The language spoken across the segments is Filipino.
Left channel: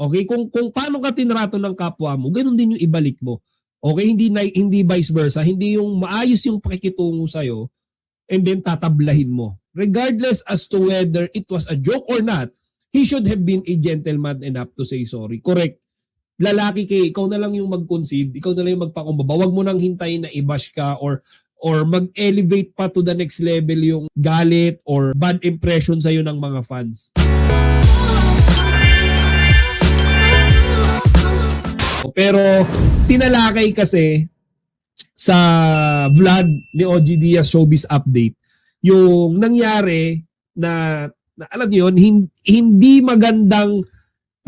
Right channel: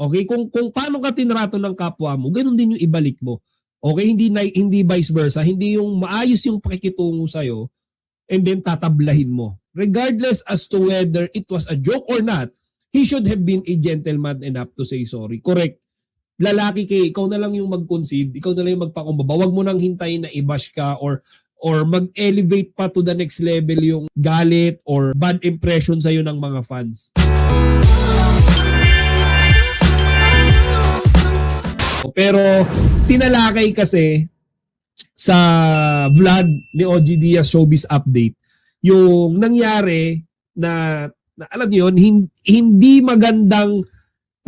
Okay? Kung paano ka tinrato ng kapwa mo, ganun din yung ibalik mo. Okay? Hindi vice versa. Hindi yung maayos yung pakikitungo sa'yo and then tatablahin mo. Regardless as to whether it was a joke or not, he should have been a gentleman enough to say sorry. Correct. Lalaki ikaw na lang yung mag-concede, ikaw na lang yung magpakumbaba. Huwag mo nang hintayin na i-bash ka or mag-elevate pa to the next level yung galit or bad impression sa'yo ng mga fans. Pero tinalakay kasi sa vlog ni OG Diaz Showbiz Update yung nangyari na alam niyo yun, hindi magandang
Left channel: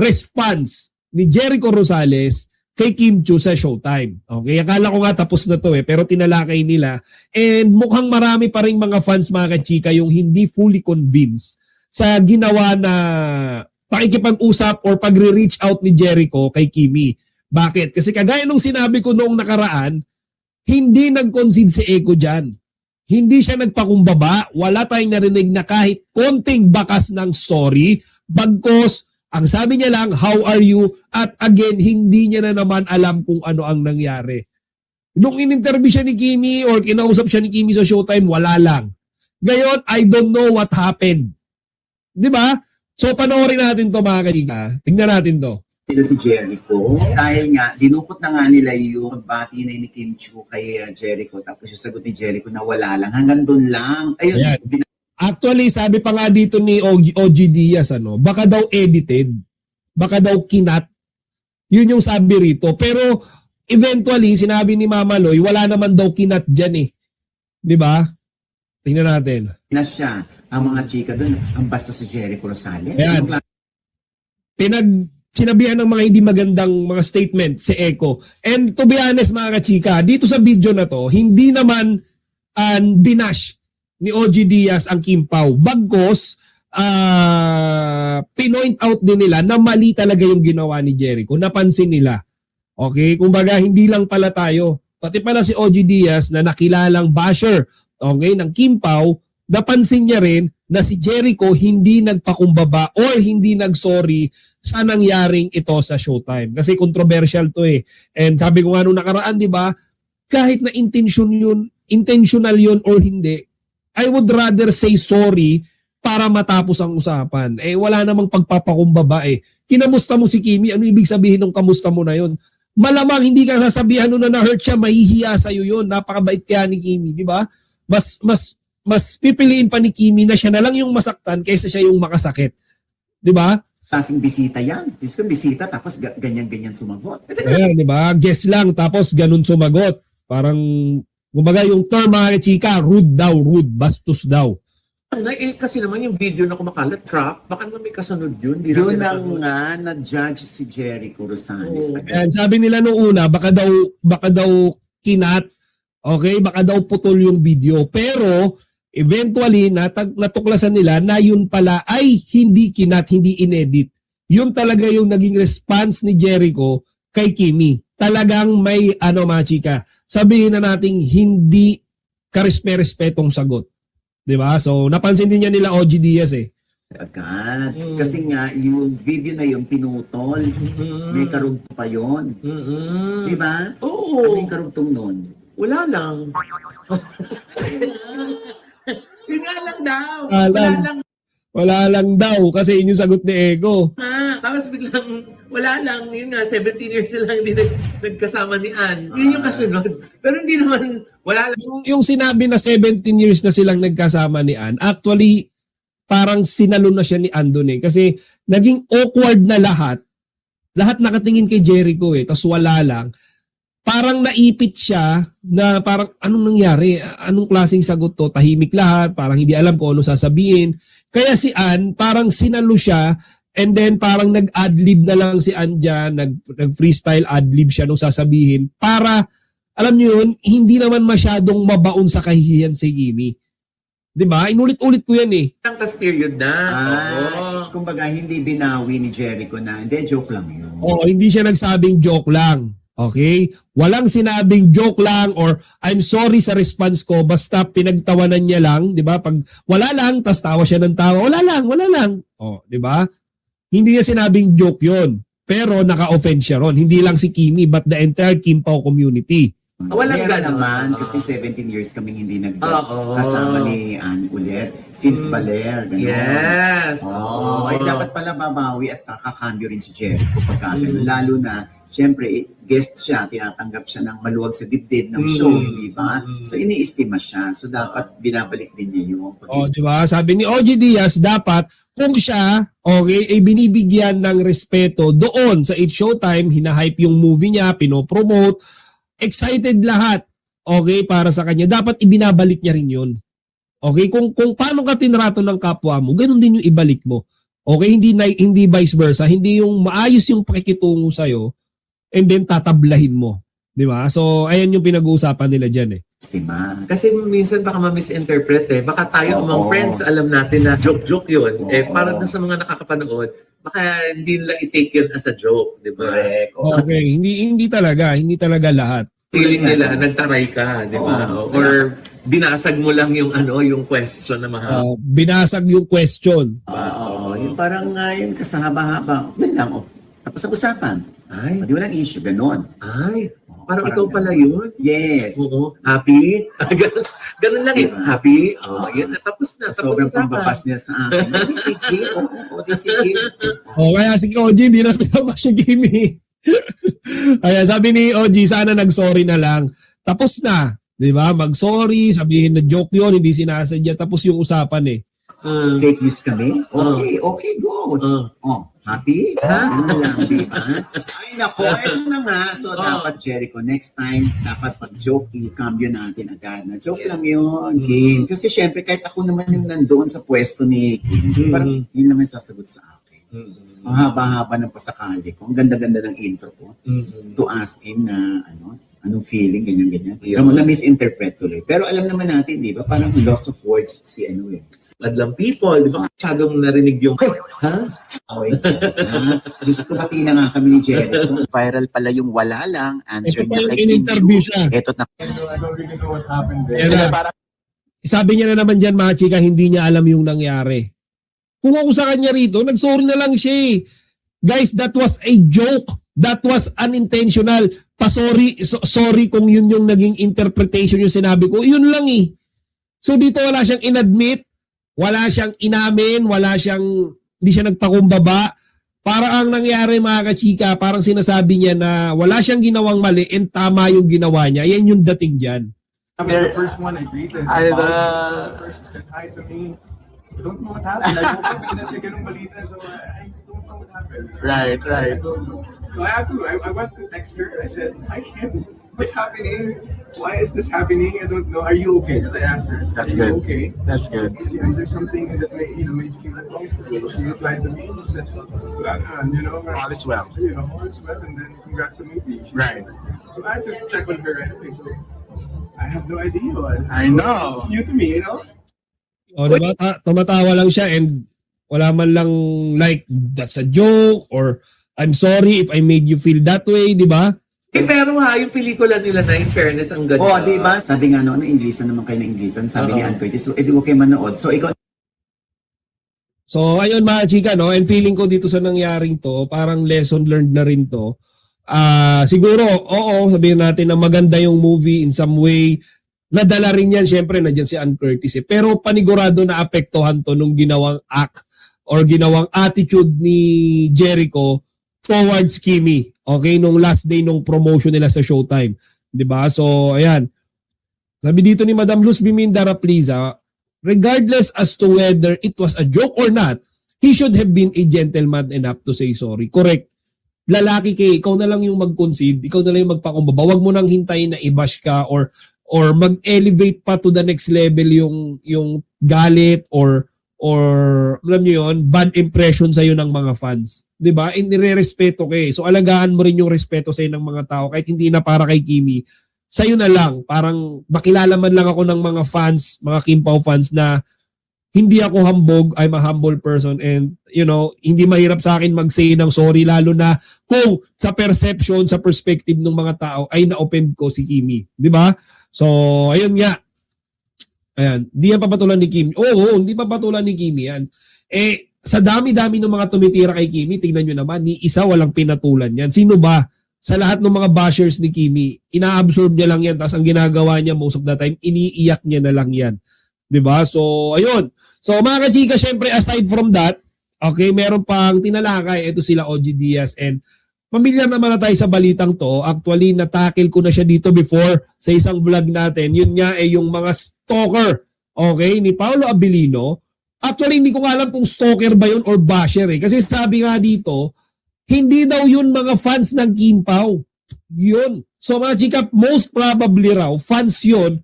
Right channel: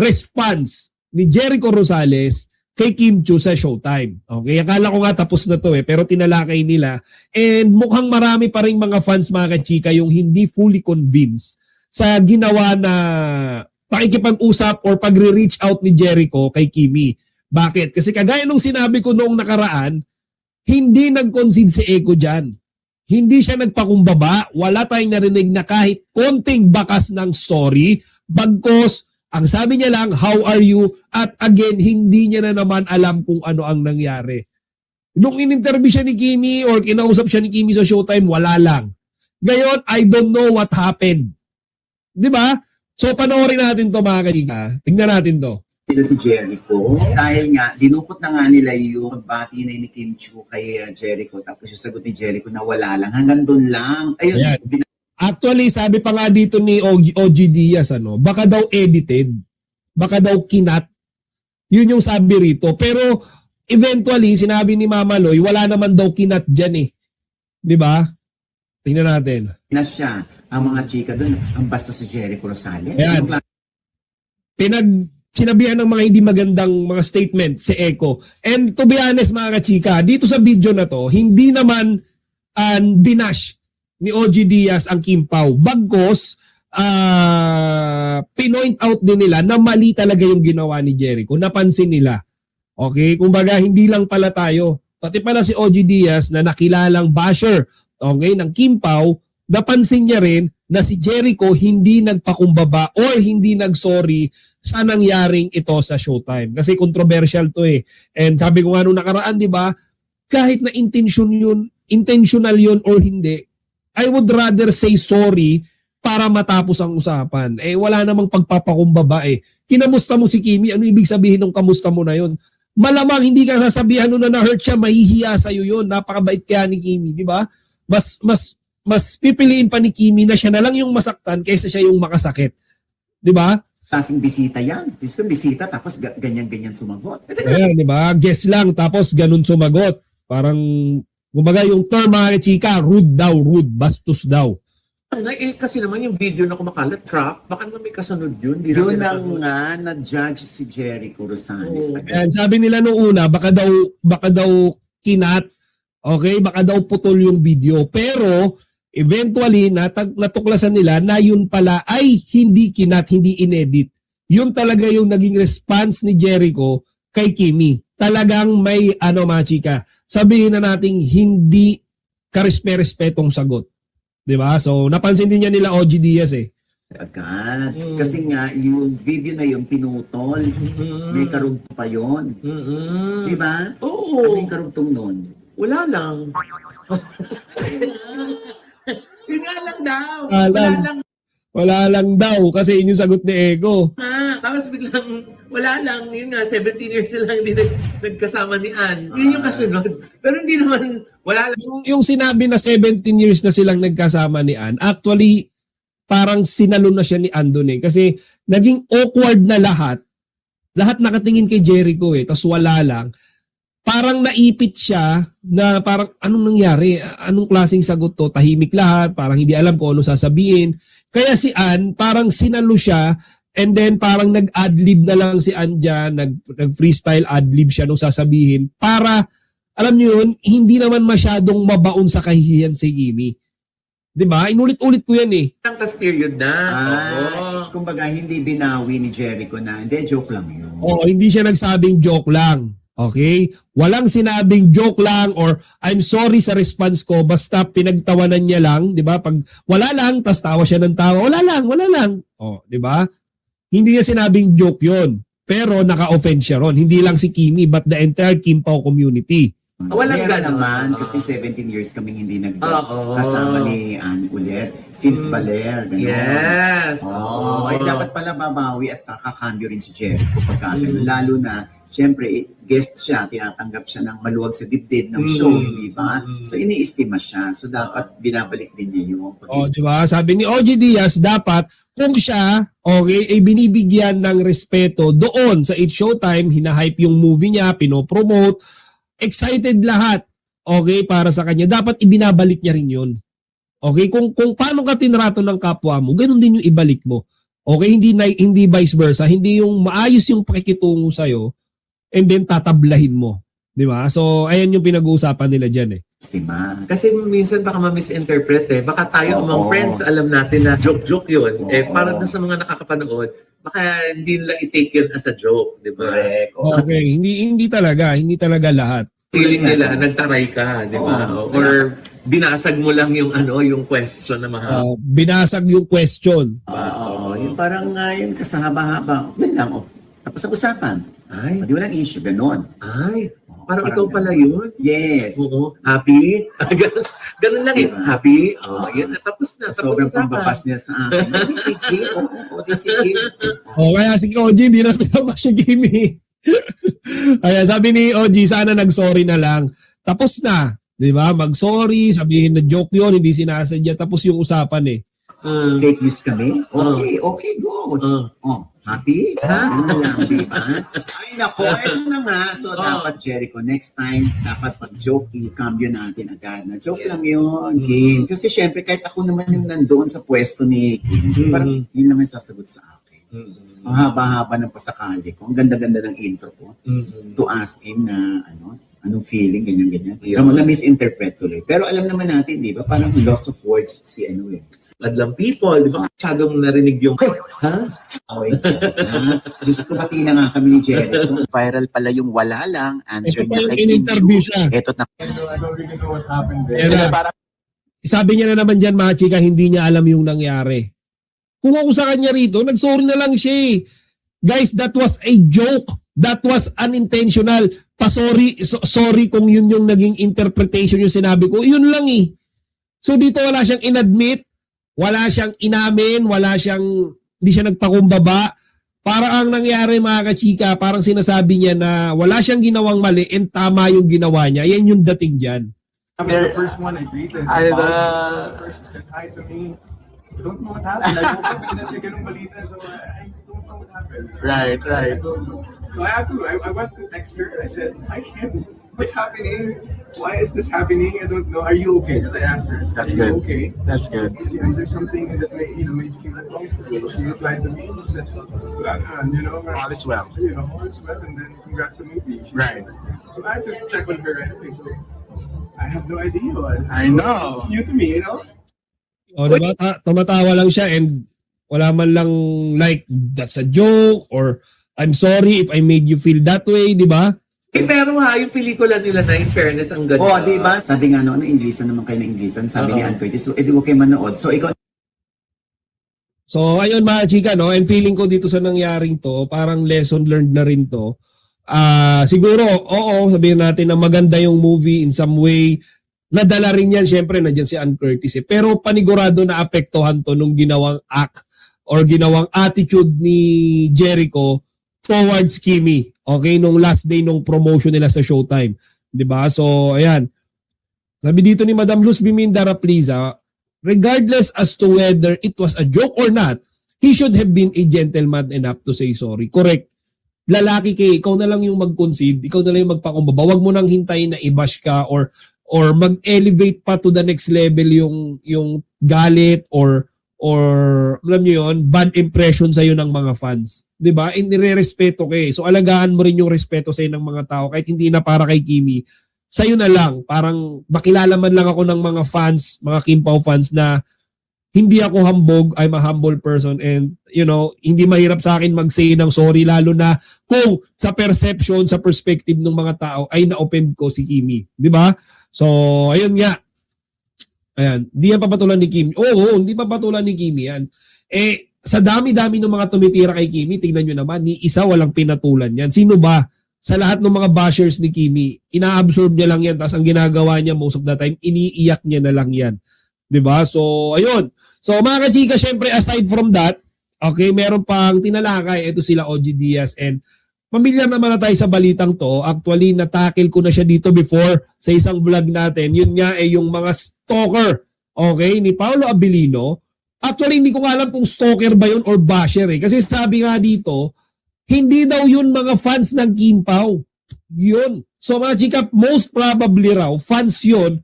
response ni Jericho Rosales kay Kim Chiu sa Showtime. Okay, akala ko nga tapos na to pero tinalakay nila and mukhang marami pa ring mga fans mga kachika yung hindi fully convinced sa ginawa na pakikipag-usap o pagre-reach out ni Jericho kay Kimi. Bakit? Kasi kagaya nung sinabi ko noong nakaraan, hindi nag-concede si Eko dyan. Hindi siya nagpakumbaba. Wala tayong narinig na kahit konting bakas ng sorry. Bagkos, ang sabi niya lang, how are you? At again, hindi niya na naman alam kung ano ang nangyari. Nung in-interview siya ni Kimi or kinausap siya ni Kimi sa Showtime, wala lang. Ngayon, I don't know what happened. Di ba? So, panoorin natin to mga kaibigan. Tingnan natin to. Si Jericho, dahil nga, dinukot na nga nila yung bati na ni Kim Chiu kay Jericho. Tapos yung sagot ni Jericho na wala lang. Hanggang doon lang. Ayun. Yeah. Actually, sabi pa nga dito ni OG Diaz, baka daw edited. Baka daw kinat. Yun yung sabi rito. Pero eventually, sinabi ni Mama Loy, wala naman daw kinat dyan Di ba? Tingnan natin. Na siya, ang mga chika doon, ang basta si Jericho Rosales. Ayan. Sinabihan ng mga hindi magandang mga statement si Eko. And to be honest mga kachika, dito sa video na to, hindi naman dinash ni OG Diaz ang Kim Pao. Bagkos, pinoint out din nila na mali talaga yung ginawa ni Jericho. Napansin nila. Okay? Kumbaga, hindi lang pala tayo. Pati pala si OG Diaz na nakilalang basher ng Kim Pao, napansin niya rin na si Jericho hindi nagpakumbaba or hindi nagsorry sa nangyaring ito sa Showtime. Kasi controversial to And sabi ko nga nung nakaraan, di ba, kahit na intentional yun or hindi, I would rather say sorry para matapos ang usapan. Wala namang pagpapakumbaba Kinamusta mo si Kimi, ano ibig sabihin ng kamusta mo na yun? Malamang hindi ka sasabihan nung na-hurt siya, mahihiya sa'yo yun. Napakabait kaya ni Kimi, di ba? Mas pipiliin pa ni Kimi na siya na lang yung masaktan kaysa siya yung makasakit. Di ba? Klaseng bisita yan. Diyos ko, bisita, tapos ganyan-ganyan sumagot. Ayan, di ba? Guess lang, tapos ganun sumagot. Parang, kumbaga yung term mga chika, rude daw, rude, bastos daw. Kasi naman yung video na kumakalat, trap, baka naman may kasunod yun. Doon ang nga, nag-judge si Jericho Rosales. And sabi nila nung una, baka daw kinat, okay, baka daw putol yung video. Pero, eventually, natuklasan nila na yun pala ay hindi kinat, hindi inedit. Yun talaga yung naging response ni Jericho kay Kimi. Talagang may, mga chika, sabihin na nating hindi karespe-respetong sagot. Diba? So, napansin din niya nila OG Diaz Agad. Kasi nga, yung video na yun, pinutol. May karugtong pa yun. Diba? Oo. May karugtong yun. Wala lang. Wala lang daw. Wala lang daw kasi yun yung sagot ni Eko. Tapos biglang, wala lang. Yun nga, 17 years na lang hindi nagkasama ni Ann. Yun yung kasunod. Pero hindi naman, wala lang. Yung sinabi na 17 years na silang nagkasama ni Ann, actually, parang sinalo na siya ni Ann dun Kasi naging awkward na lahat. Lahat nakatingin kay Jericho tas wala lang. Parang naipit siya na parang anong nangyari? Anong klaseng sagot to? Tahimik lahat, parang hindi alam kung ano sasabihin. Kaya si Ann, parang sinalo siya and then parang nag-adlib na lang si Ann dyan, nag-freestyle adlib siya nung sasabihin para, alam niyo yun, hindi naman masyadong mabaon sa kahihiyan si Kimi. Diba? Inulit-ulit ko yan Tapos period na. Kumbaga, hindi binawi ni Jericho na, hindi, joke lang. Hindi siya nagsabing joke lang. Okay? Walang sinabing joke lang or I'm sorry sa response ko basta pinagtawanan niya lang, 'di ba? Pag wala lang, tas tawa siya ng tawa. Wala lang. Oh, 'di ba? Hindi niya sinabing joke 'yon. Pero naka-offend siya ron. Hindi lang si Kimi but the entire Kim Pao community. Walang Kaya ganon. naman, kasi 17 years kaming hindi Oo. nagkasama ni Anne ulit. Since Baler, gano'n. Yes. Oh, ay dapat pala babawi at kakakambyo rin si Jericho pagka ganun. Lalo na, syempre, guest siya, tinatanggap siya ng maluwag sa dibdib ng show, hindi ba? So, iniistima siya. So, dapat binabalik din niya yung Diba? Sabi ni OG Diaz, dapat kung siya, okay, ay binibigyan ng respeto doon sa It's Showtime, hinahype yung movie niya, pinopromote, excited lahat, okay, para sa kanya. Dapat ibinabalik niya rin yun. Okay, kung paano ka tinrato ng kapwa mo, ganun din yung ibalik mo. Okay, hindi vice versa, hindi yung maayos yung pakikitungo sa iyo and then tatablahin mo, di ba? So, ayan yung pinag-uusapan nila diyan eh. diba? Kasi minsan baka ma-misinterpret eh. Baka tayo among friends, alam natin na joke-joke yun. Eh, para na sa mga nakakapanood, baka hindi nila i-take yun as a joke, di ba? Correct. Oh, Okay, hindi talaga lahat. Feeling nila, nagtaray ka, di ba? Or binasag mo lang yung yung question na mga... Binasag yung question. Oo, yung parang yung kasahaba-haba. Yun lang, oh. Tapos sa usapan. Ay, Di walang issue, ganon. ay, parang ikaw pala yun. Yes. Oo. Happy? Ganun lang eh. Happy? Oh, yun. Tapos na. Tapos Sobrang usapan. pambabas niya sa akin. Sige, oo, sige. Kaya si OG, hindi na pinabas si Jimmy. Ayan, sabi ni OG, sana nag-sorry na lang. Tapos na. Di ba? Mag-sorry, sabihin na joke yun, hindi sinasadya. Tapos yung usapan eh. Fake news kami? Okay, go. Oh, happy? Ano lang, di ba? Ay, nako, ito na nga. So, dapat, Jericho, next time, dapat pag-joke, i-cambio natin agad. Na joke lang yun, Kim. Kasi syempre, kahit ako naman yung nandoon sa pwesto ni Kim, parang yun lang ang sasagot sa akin. Ang haba-haba ng pasakali ko. Ang ganda-ganda ng intro ko. To ask him na, anong feeling, ganyan-ganyan. Na-misinterpret tuloy. Pero alam naman natin, di ba? Parang loss of words si Madlang people, di ba? Masyadong narinig yung... Ha? Wait. Diyos ko, pati na nga kami ni Jericho. Viral pala yung wala lang. Answer niya kay Kim. siya. Ito na. Sabi niya na naman dyan, mga chika, hindi niya alam yung nangyari. Kung ako sa kanya rito, nag-sorry na lang siya eh. Guys, that was a joke. That was unintentional. Sorry kung yun yung naging interpretation yung sinabi ko. Yun lang eh. So dito wala siyang inadmit, wala siyang inamin, hindi siya nagpakumbaba. Para ang nangyari mga kachika, parang sinasabi niya na wala siyang ginawang mali and tama yung ginawa niya. Yan yung dating dyan. I'm the first one to eat it. I First, she said hi to me. I don't know what happened. I woke up and then ganung balita, so I don't know what happened. Right. I don't know. So I went to text her. I said, hi Kim, what's happening? Why is this happening? I don't know. Are you okay? I asked her. That's Are good. you okay? That's good. Is there something that made you feel uncomfortable? She replied to me and said, All is well. all is well, and then congrats on movie. Right. So I had to check on her right away. So I have no idea. I know. It's new to me, O diba, tumatawa lang siya and wala man lang like, that's a joke or I'm sorry if I made you feel that way, di ba? pero yung pelikula nila na in fairness ang ganda. Oo, di ba? Sabi nga noon, Inglesan naman kayo ng Inglesan. Sabi ni Ann Curtis, so edi okay manood. So ikaw So, ayun mga chika, no? And feeling ko dito sa nangyaring to, parang lesson learned na rin to. Siguro, oo, sabihin natin na maganda yung movie in some way. Nadala rin yan, syempre, nandiyan si Ann Curtis. Pero panigurado na apektuhan to nung ginawang act or ginawang attitude ni Jericho towards Kimi. Okay, nung last day nung promotion nila sa Showtime. 'Di ba? So, ayan. Sabi dito ni Madam Luz Biminda Rapliza, regardless as to whether it was a joke or not, he should have been a gentleman enough to say sorry. Correct. Lalaki kay, ikaw na lang yung mag-concede, ikaw na lang yung magpakumbaba. Huwag mo nang hintayin na i-bash ka or mag-elevate pa to the next level yung galit or alam niyo yun, bad impression sa ng mga fans. 'Di ba? Inirerespeto ka eh. So alagaan mo rin yung respeto sa ng mga tao kahit hindi na para kay Kimi. Sa'yo na lang, parang makilala man lang ako ng mga fans, mga Kim Pao fans na hindi ako hambog, I'm a humble person and hindi mahirap sa akin mag-say ng sorry lalo na kung sa perception, sa perspective ng mga tao ay na-open ko si Kimi. 'Di ba? So, ayun nga. Ayan. Hindi pa patulan ni Kimi. Oo, hindi pa patulan ni Kimi yan. Sa dami-dami ng mga tumitira kay Kimi, tingnan nyo naman, ni isa walang pinatulan yan. Sino ba? Sa lahat ng mga bashers ni Kimi, ina-absorb niya lang yan, tapos ang ginagawa niya most of the time, iniiyak niya na lang yan. Diba? So, ayun. So, mga kachika, syempre, aside from that, okay, meron pang tinalakay. Ito sila OG Diaz and pamilyar naman na tayo sa balitang to. Actually, natakil ko na siya dito before sa isang vlog natin. Yun nga ay yung mga stalker, okay, ni Paolo Abilino. Actually, hindi ko alam kung stalker ba yun or basher eh. Kasi sabi nga dito, hindi daw yun mga fans ng Kim Pao. Yun. So mga chika, most probably raw, fans yun.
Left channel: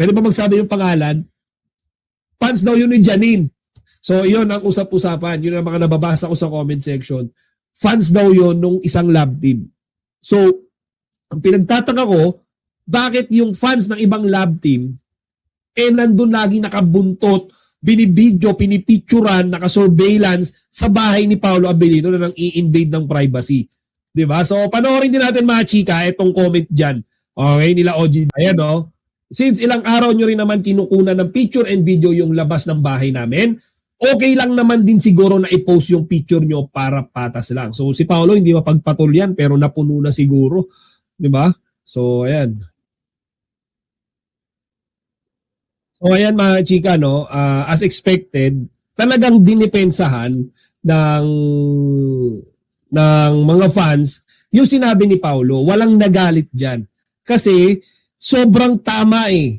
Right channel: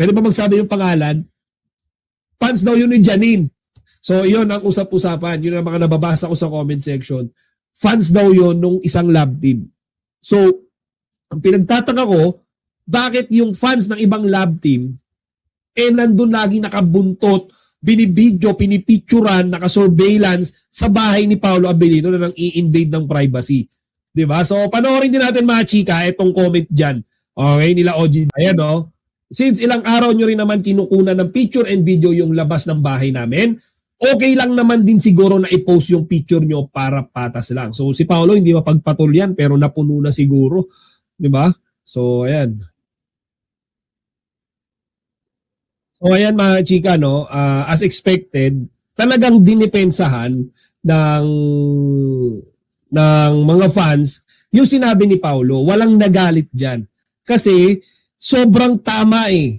Ano ba magsabi yung pangalan? Fans daw yun ni Janine. So yun ang usap-usapan. Yun ang mga nababasa ko sa comment section. Fans daw yun nung isang lab team. So, ang pinagtataka ko, bakit yung fans ng ibang lab team, nandun lagi nakabuntot, binibidyo, pinipicturan, naka-surveillance sa bahay ni Paolo Abilino na nang i-invade ng privacy. Diba? So, panoorin din natin mga chika, itong comment dyan. Okay, nila OG. Ayan o. Since ilang araw nyo rin naman kinukunan ng picture and video yung labas ng bahay namin, okay lang naman din siguro na i-post yung picture nyo para patas lang. So, si Paolo hindi mapagpatol yan, pero napuno na siguro. Diba? So, ayan. So ayan mga chika, no, as expected, talagang dinipensahan ng mga fans yung sinabi ni Paolo. Walang nagalit dyan. Kasi sobrang tama eh.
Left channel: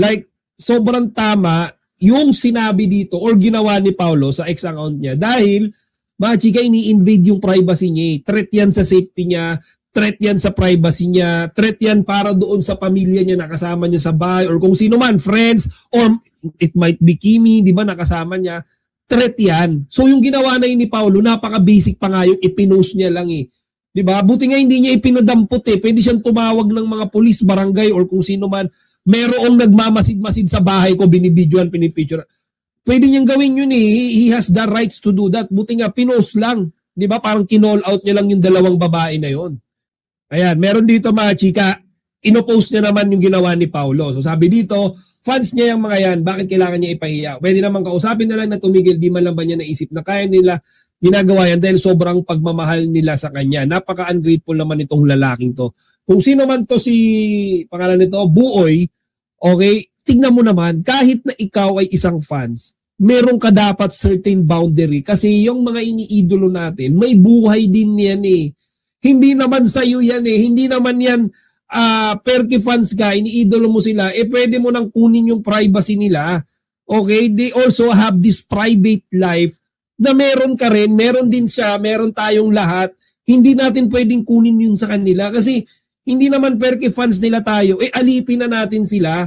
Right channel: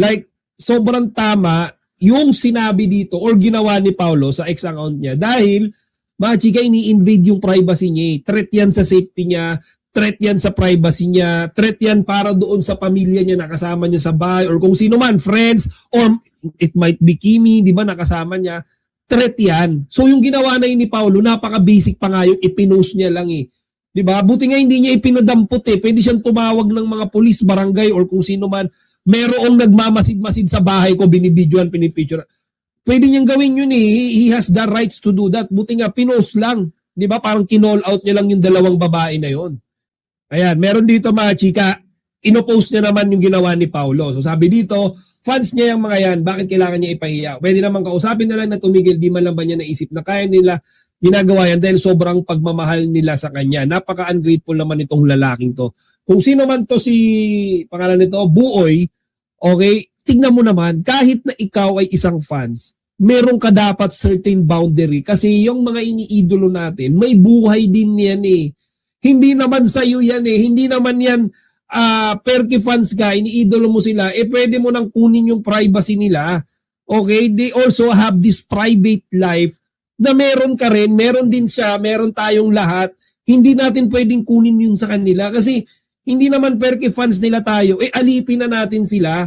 Like, sobrang tama yung sinabi dito or ginawa ni Paolo sa ex account niya dahil mga chika, ini-invade yung privacy niya eh. Threat yan sa safety niya, threat yan sa privacy niya, threat yan para doon sa pamilya niya nakasama niya sa bahay or kung sino man, friends, or it might be Kimi, di ba, nakasama niya, threat yan. So yung ginawa na yun ni Paolo, napaka-basic pa nga yun, ipinost niya lang eh. Di ba? Buti nga hindi niya ipinadampot eh. Pwede siyang tumawag ng mga pulis, barangay, or kung sino man, merong nagmamasid-masid sa bahay ko, binibidyoan, pinipicture. Pwede niyang gawin yun eh. He has the rights to do that. Buti nga, pinost lang. Di ba? Parang kinall out niya lang yung dalawang babae na yon. Ayan, meron dito mga chika, inopost niya naman yung ginawa ni Paolo. So sabi dito, fans niya yung mga yan, bakit kailangan niya ipahiya? Pwede naman kausapin na lang na tumigil, di man lang ba niya naisip na kaya nila ginagawa yan dahil sobrang pagmamahal nila sa kanya. Napaka-ungrateful naman itong lalaking to. Kung sino man to si, pangalan nito, Buoy, okay, tignan mo naman, kahit na ikaw ay isang fans, meron ka dapat certain boundary kasi yung mga iniidolo natin, may buhay din yan eh. Hindi naman sa'yo yan eh. Hindi naman yan perke fans ka, iniidolo mo sila, pwede mo nang kunin yung privacy nila. Okay? They also have this private life na meron ka rin, meron din siya, meron tayong lahat. Hindi natin pwedeng kunin yun sa kanila kasi hindi naman perke fans nila tayo. Alipin na natin sila.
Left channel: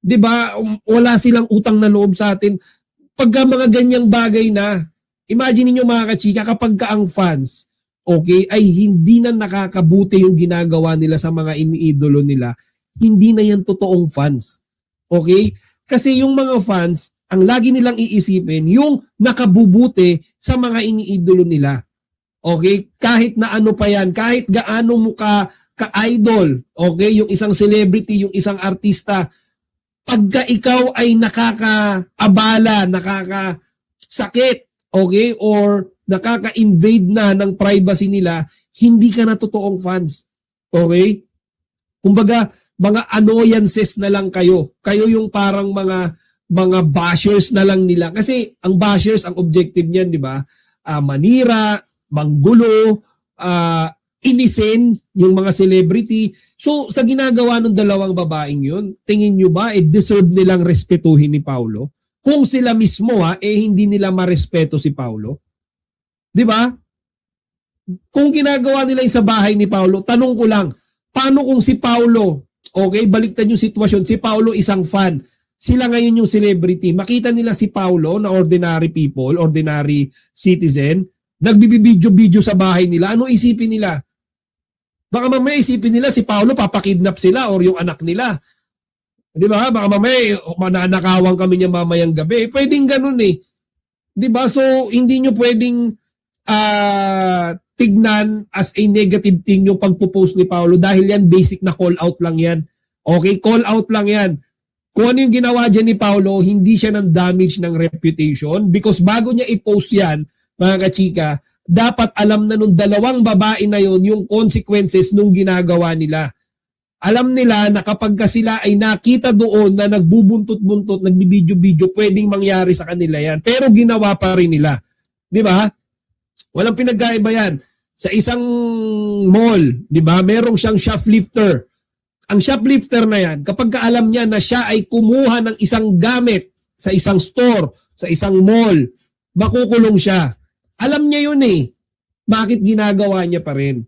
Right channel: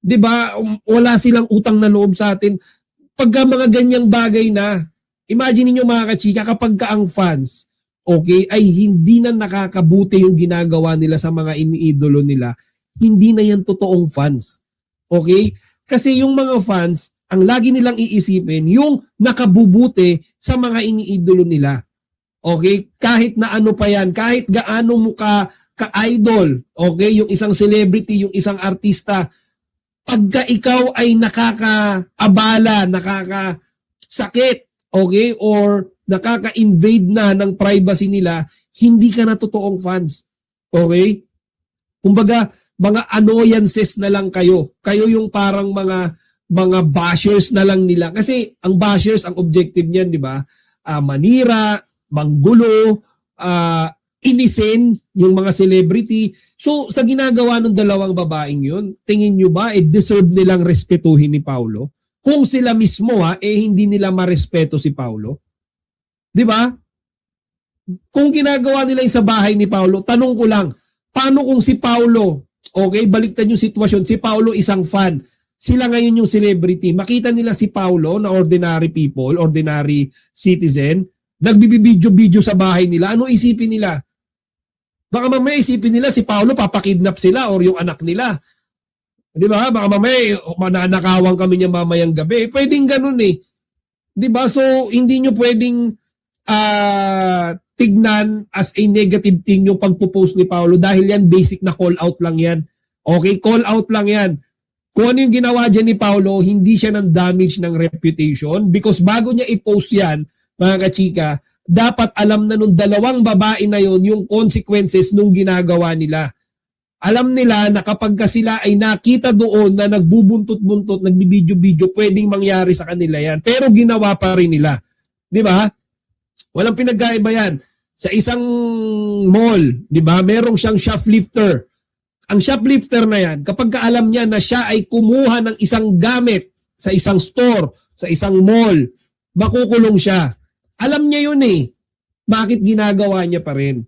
'Di ba? Wala silang utang na loob sa atin. Pagka mga ganyang bagay na, imagine niyo mga kachika, kapag ka ang fans, okay, ay hindi na nakakabuti yung ginagawa nila sa mga iniidolo nila, hindi na yan totoong fans. Okay? Kasi yung mga fans, ang lagi nilang iisipin, yung nakabubuti sa mga iniidolo nila. Okay? Kahit na ano pa yan, kahit gaano mo ka-idol, okay, yung isang celebrity, yung isang artista, pagka ikaw ay nakaka-abala, nakaka-sakit, okay, or nakaka-invade na ng privacy nila, hindi ka na totoong fans. Okay? Kumbaga, mga annoyances na lang kayo. Kayo yung parang mga bashers na lang nila. Kasi ang bashers, ang objective niyan, di ba? Manira, manggulo, inisin yung mga celebrity. So, sa ginagawa ng dalawang babaeng yun, tingin nyo ba, deserve nilang respetuhin ni Paolo? Kung sila mismo, hindi nila marespeto si Paolo? Di ba? Kung ginagawa nila yung sa bahay ni Paolo, tanong ko lang, paano kung si Paolo, okay, baliktad yung sitwasyon, si Paolo isang fan, sila ngayon yung celebrity, makita nila si Paolo na ordinary people, ordinary citizen, nagbibidyo-video sa bahay nila, ano isipin nila? Baka mamaya isipin nila si Paolo papakidnap sila or yung anak nila. Di ba? Baka mamaya mananakawan kami niya mamayang gabi. Pwedeng ganun eh. Di ba? So, hindi nyo pwedeng tignan as a negative thing yung pagpo-post ni Paolo dahil yan basic na call out lang yan. Okay? Call out lang yan. kung ano yung ginawa dyan ni Paolo, hindi siya ng damage ng reputation because bago niya i-post yan, mga kachika, dapat alam na nung dalawang babae na yon yung consequences nung ginagawa nila. Alam nila na kapag ka sila ay nakita doon na nagbubuntot-buntot, nagbibidyo-bidyo, pwedeng mangyari sa kanila yan. Pero ginawa pa rin nila. Di ba? Walang pinagkaiba yan. Sa isang mall, di ba, merong siyang shoplifter. Ang shoplifter na yan, kapag alam niya na siya ay kumuha ng isang gamit sa isang store, sa isang mall, makukulong siya. Alam niya yun eh. Bakit ginagawa niya pa rin?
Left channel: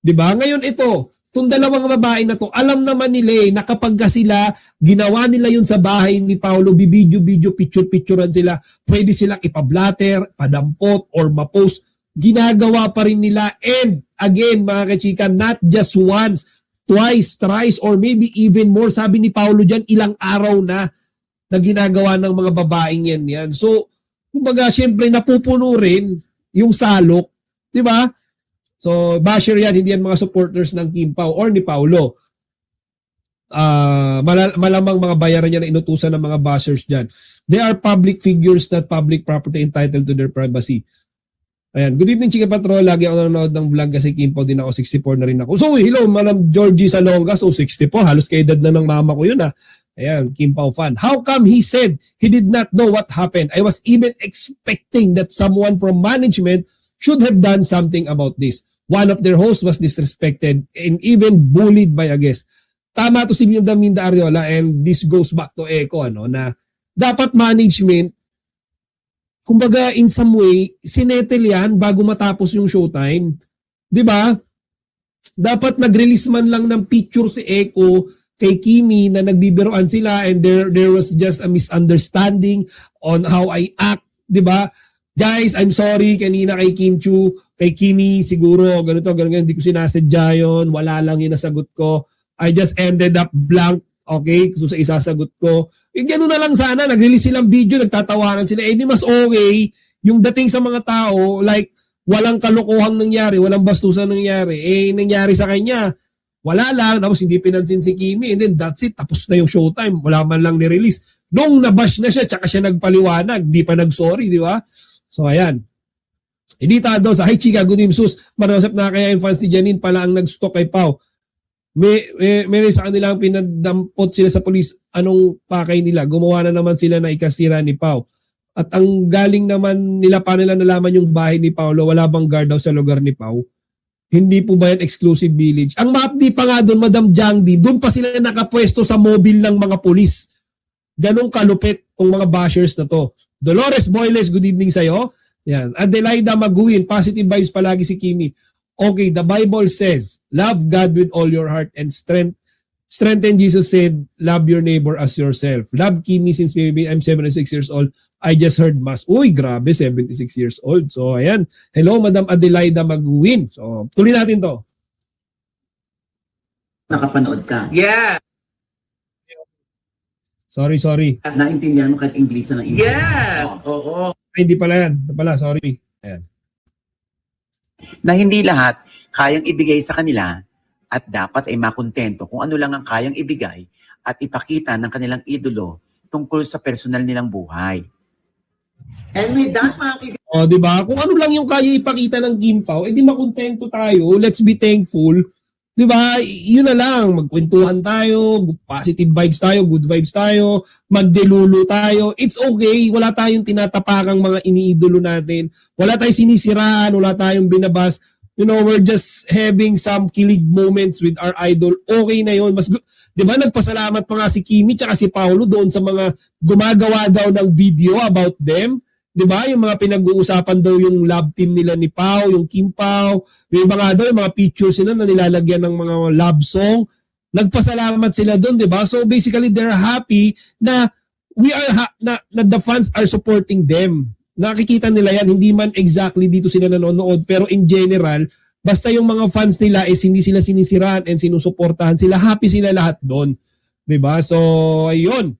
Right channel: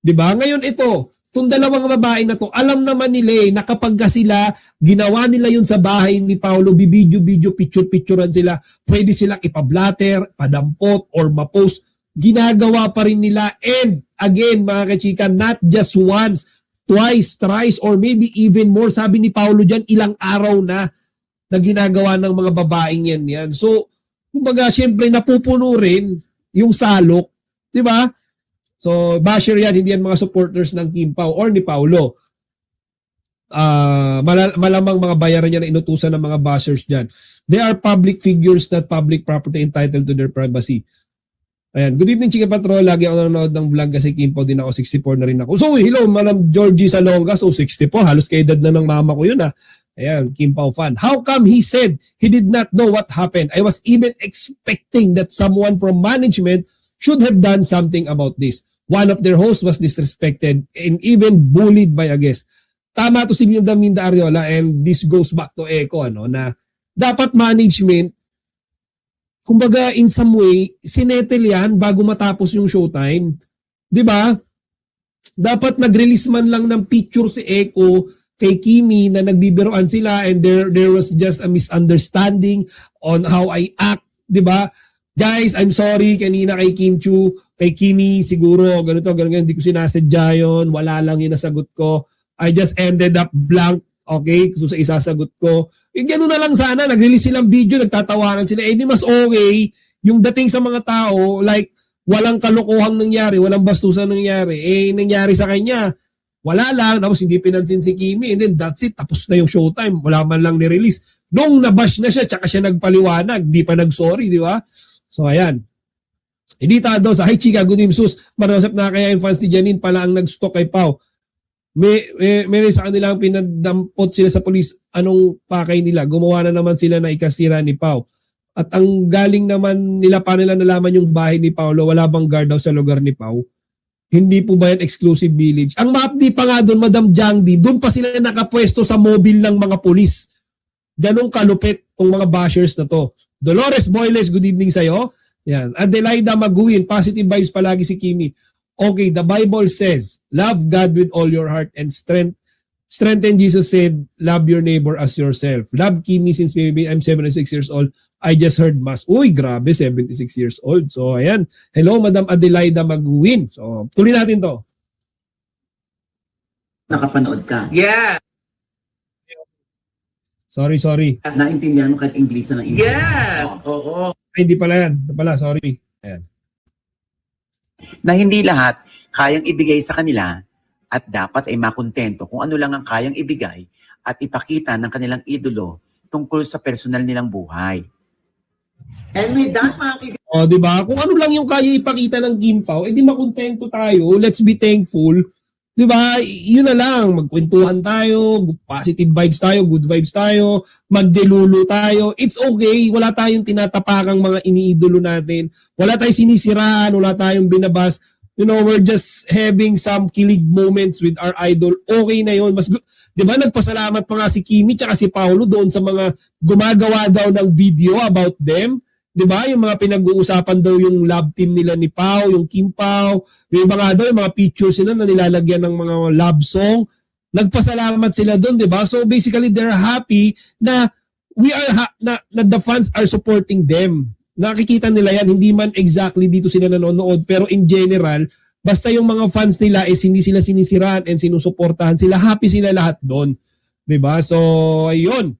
Di ba? Ngayon ito, itong dalawang babae na to, alam naman nila na kapag sila, ginawa nila yun sa bahay ni Paolo, bibidyo-bidyo, picture-picturean sila, pwede silang ipablatter, padampot, or mapost. Ginagawa pa rin nila. And again, mga kachika, not just once, twice, thrice, or maybe even more. Sabi ni Paolo dyan, ilang araw na ginagawa ng mga babaeng yan. So, kumbaga, siyempre, napupuno rin yung salok. Di ba? So, basher yan, hindi yan mga supporters ng Kim Pao or ni Paolo. Malamang mga bayaran niya na inutusan ng mga bashers dyan. They are public figures, not public property entitled to their privacy. Ayan. Good evening, Chika Patrol. Lagi ako nanonood ng vlog kasi Kim Pao din ako. 64 na rin ako. So, hello, Madam Georgie Salonga. So, 60 po. Halos kaedad na ng mama ko yun, ha. Ayan, Kim Pao fan. How come he said he did not know what happened? I was even expecting that someone from management should have done something about this. One of their hosts was disrespected and even bullied by a guest. Tama to si Minda Ariola, and this goes back to Echo, na dapat management, kumbaga in some way, sinettle yan bago matapos yung showtime. Di ba? Dapat nag-release man lang ng picture si Echo kay Kimi na nagbibiroan sila and there was just a misunderstanding on how I act. Di ba? Guys, I'm sorry kanina kay Kim Chu, kay Kimi, siguro, ganito, hindi ko sinasadya yun, wala lang yung nasagot ko. I just ended up blank, okay, kung sa isasagot ko. Gano'n na lang sana, nag-release silang video, nagtatawanan sila. Di mas okay, yung dating sa mga tao, like, walang kalokohang nangyari, walang bastusan nangyari. Nangyari sa kanya, wala lang, tapos hindi pinansin si Kimi, and then that's it, tapos na yung showtime, wala man lang ni-release. Nung nabash na siya, tsaka siya nagpaliwanag, di pa nag-sorry, di ba? So, ayan. Edita daw sa, hi Chika, good evening, sus. Marasap na kaya yung fans ni Janine pala ang nag-stalk kay Pao. May sa kanilang pinagdampot siya sa pulis. Anong pakay nila? Gumawa na naman sila na ikasira ni Pao. At ang galing naman nila, pa nila nalaman yung bahay ni Paolo, wala bang guard daw sa lugar ni Pao? Hindi po ba yan exclusive village? Ang maapdi pa nga doon, Madam Jangdi, doon pa sila nakapwesto sa mobile ng mga pulis. Ganong kalupit ang mga bashers na to. Dolores Boyles, good evening sa'yo. Yan. Adelaida Maguin, positive vibes palagi si Kimi. Okay, the Bible says, love God with all your heart and strength. Strengthen Jesus said, love your neighbor as yourself. Love Kimi since maybe I'm 76 years old. I just heard mass. Uy, grabe, 76 years old. So, ayan. Hello, Madam Adelaida Maguin. So, tuloy natin to. Nakapanood ka. Yeah. Sorry. Naintindihan mo kahit English ng English. Yes. Oo. Ay, hindi pala yan. Ito pala, sorry. Ayan. Na hindi lahat kayang ibigay sa kanila at dapat ay makontento kung ano lang ang kayang ibigay at ipakita ng kanilang idolo tungkol sa personal nilang buhay. And with that, mga O, di ba? Kung ano lang yung kaya ipakita ng Kim Pao, edi makontento tayo. Let's be thankful. Di ba? Yun na lang. Magkwentuhan tayo, positive vibes tayo, good vibes tayo, magdelulu tayo. It's okay. Wala tayong tinatapakang mga iniidolo natin. Wala tayong sinisiraan, wala tayong binabas. We're just having some kilig moments with our idol. Okay na yun. Di ba? Nagpasalamat pa nga si Kimi tsaka si Paolo doon sa mga gumagawa daw ng video about them. Di ba? Yung mga pinag-uusapan daw yung love team nila ni Pao, yung Kim Pao, yung mga daw, yung mga pictures sila na nilalagyan ng mga love song. Nagpasalamat sila doon, di ba? So basically, they're happy na na the fans are supporting them. Nakikita nila yan, hindi man exactly dito sila nanonood, pero in general, basta yung mga fans nila is hindi sila sinisiraan and sinusuportahan sila, happy sila lahat doon. Di ba? So, ayun.